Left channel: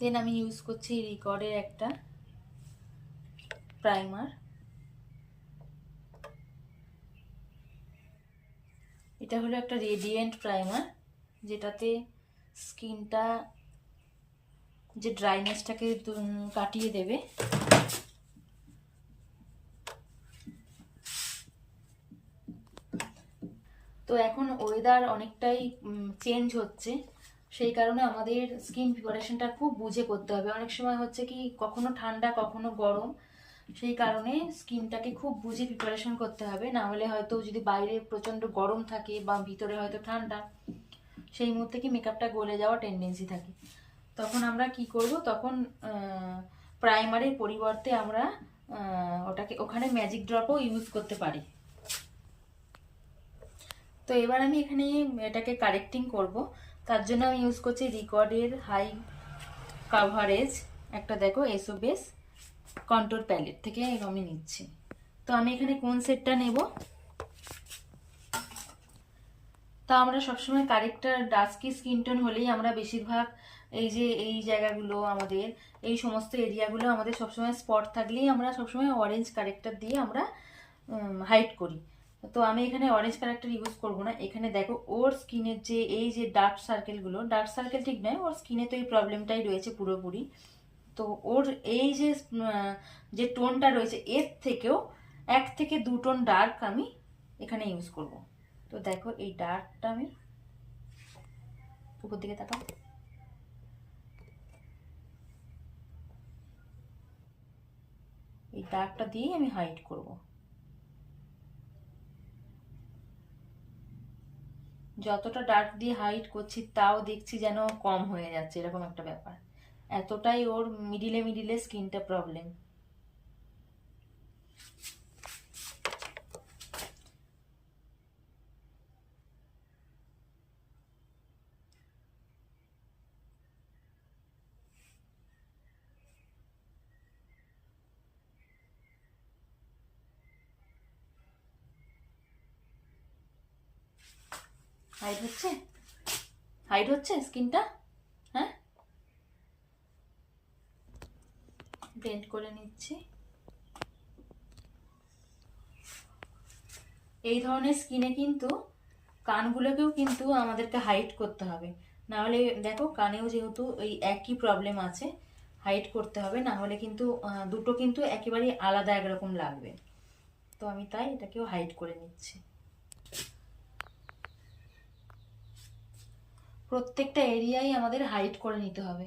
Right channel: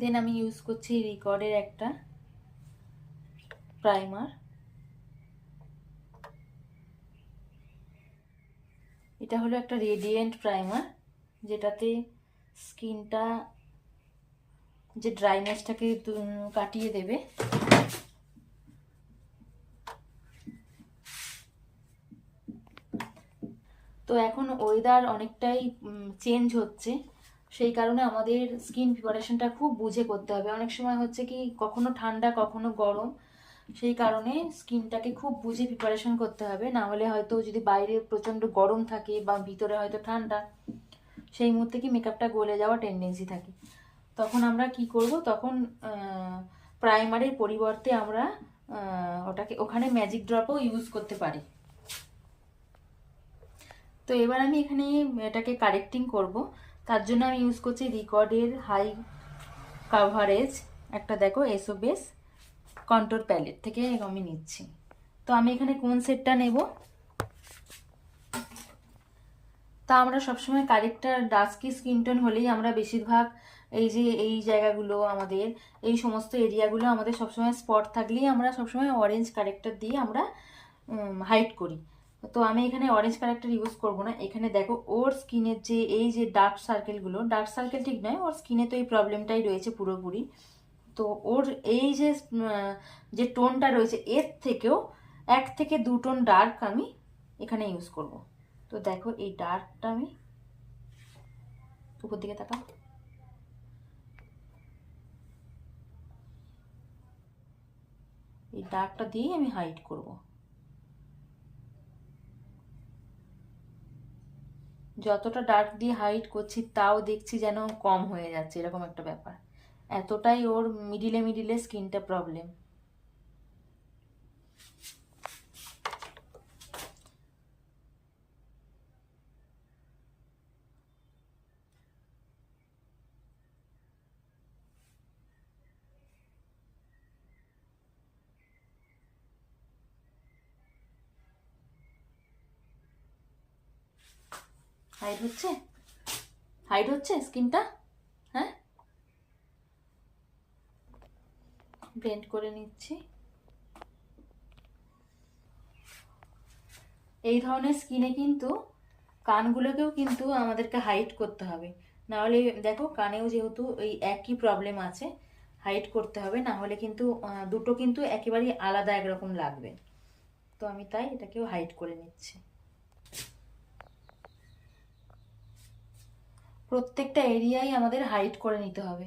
দেন আমি ইউজ করছি রিকর্ডের একটা প্রাইমার। এটা হলো একটা রেডিয়েন্ট প্রাইমার, যেটাতে স্কিনটা যে ড্রাইনেসটাকে কাটিয়ে দেবে। তো এখন ওয়েদার অনেকটাই চেঞ্জ হচ্ছে, সেই কারণে আমাদের স্কিন প্রিপারেশনটা খুব বুঝে করতে হবে। অনেক সময় হচ্ছে কি কখনো ঠান্ডা কখনো গরম, সেই কারণে স্কিনটাকে খুব বুঝে প্রিপারেশন করতে হবে। না হলে হয়তো যদি বাইরে প্রচণ্ড গরম থাকে বা ভিতরে হয়তো ঠান্ডা, সেই মুহূর্তে কি মেকআপটা গলে যাওয়ার টেন্ডেন্সি থাকে। তখন আমরা কি করব, তখন প্রাইমারের পরিবর্তে আমরা ওখানে ম্যাজিক ড্রপও ইউজ করতে পারি। তো এবার আমি এখানে এটাকে কারেক্টিং করব। তার জন্য আমি ইউজ করছি রিকর্ডের হাই কাভারেজ একটা, দেখো এসো বেস কন্ট্রোল প্যালেট থেকে আমি নিচ্ছি। তো আমি এখানে কোন সেটটা নেব, তা আমরা সবসময় কারেক্টার ডাস্কি স্কিন টোন হলেই আমরা বেশিরভাগ এই জায়গাগুলো আমাদের এই সমস্ত এরিয়াগুলো আমাদের সবসময় স্পট থাকলেই আমরা সবসময় অরেঞ্জ কারেক্টার দিয়ে আমরা হাইড করি। তো আমি এখানে অরেঞ্জ কারেক্টার ইউজ করব না। এখানে দেখো ওর স্কিনের যে এই যে ডার্ক সার্কেলগুলো, ডার্ক সার্কেল ঠিক নয়, ওর স্কিনে তো এই প্রবলেমটাই রয়েছে পুরোপুরি। তো ওর এই যে টোনটা রয়েছে এর থেকেও 1 থেকে 2 টোন ডার্ক আমি এখানে ইউজ করব। তো দেখো এই ডার্কটা আমি উপর দিকে তাকাও, এই ডার্কটা দিয়েই আমি হাইড করব। যতটা ডার্ক দিয়ে হাইড করছি তাও দেখছি যেন কম হয়ে যাচ্ছে, এরকম একটা ব্যাপার। এতটাই ওর মিডিলে মিডিলে স্কিনটা প্রবলেম। হাইড হচ্ছে, হাইড হচ্ছে স্কিনটা। হ্যাঁ, ব্লেন্ড করে নিচ্ছি। এই ধরনের স্কিনে কিন্তু কানগুলোকেও কিন্তু আমাদেরকে হাইড করতে হবে, না হলে দেখো কানেও যেহেতু এই একই প্রবলেম আছে, হাইড করতে হবে, না হলে কিন্তু দুটো কিন্তু একেবারেই আলাদা একরকম লাগবে। তো আমি তাই এটাকেও হাইড করে নিচ্ছি। প্রত্যেকটা এরিয়াই আমাদের হাইড করে নিতে হবে।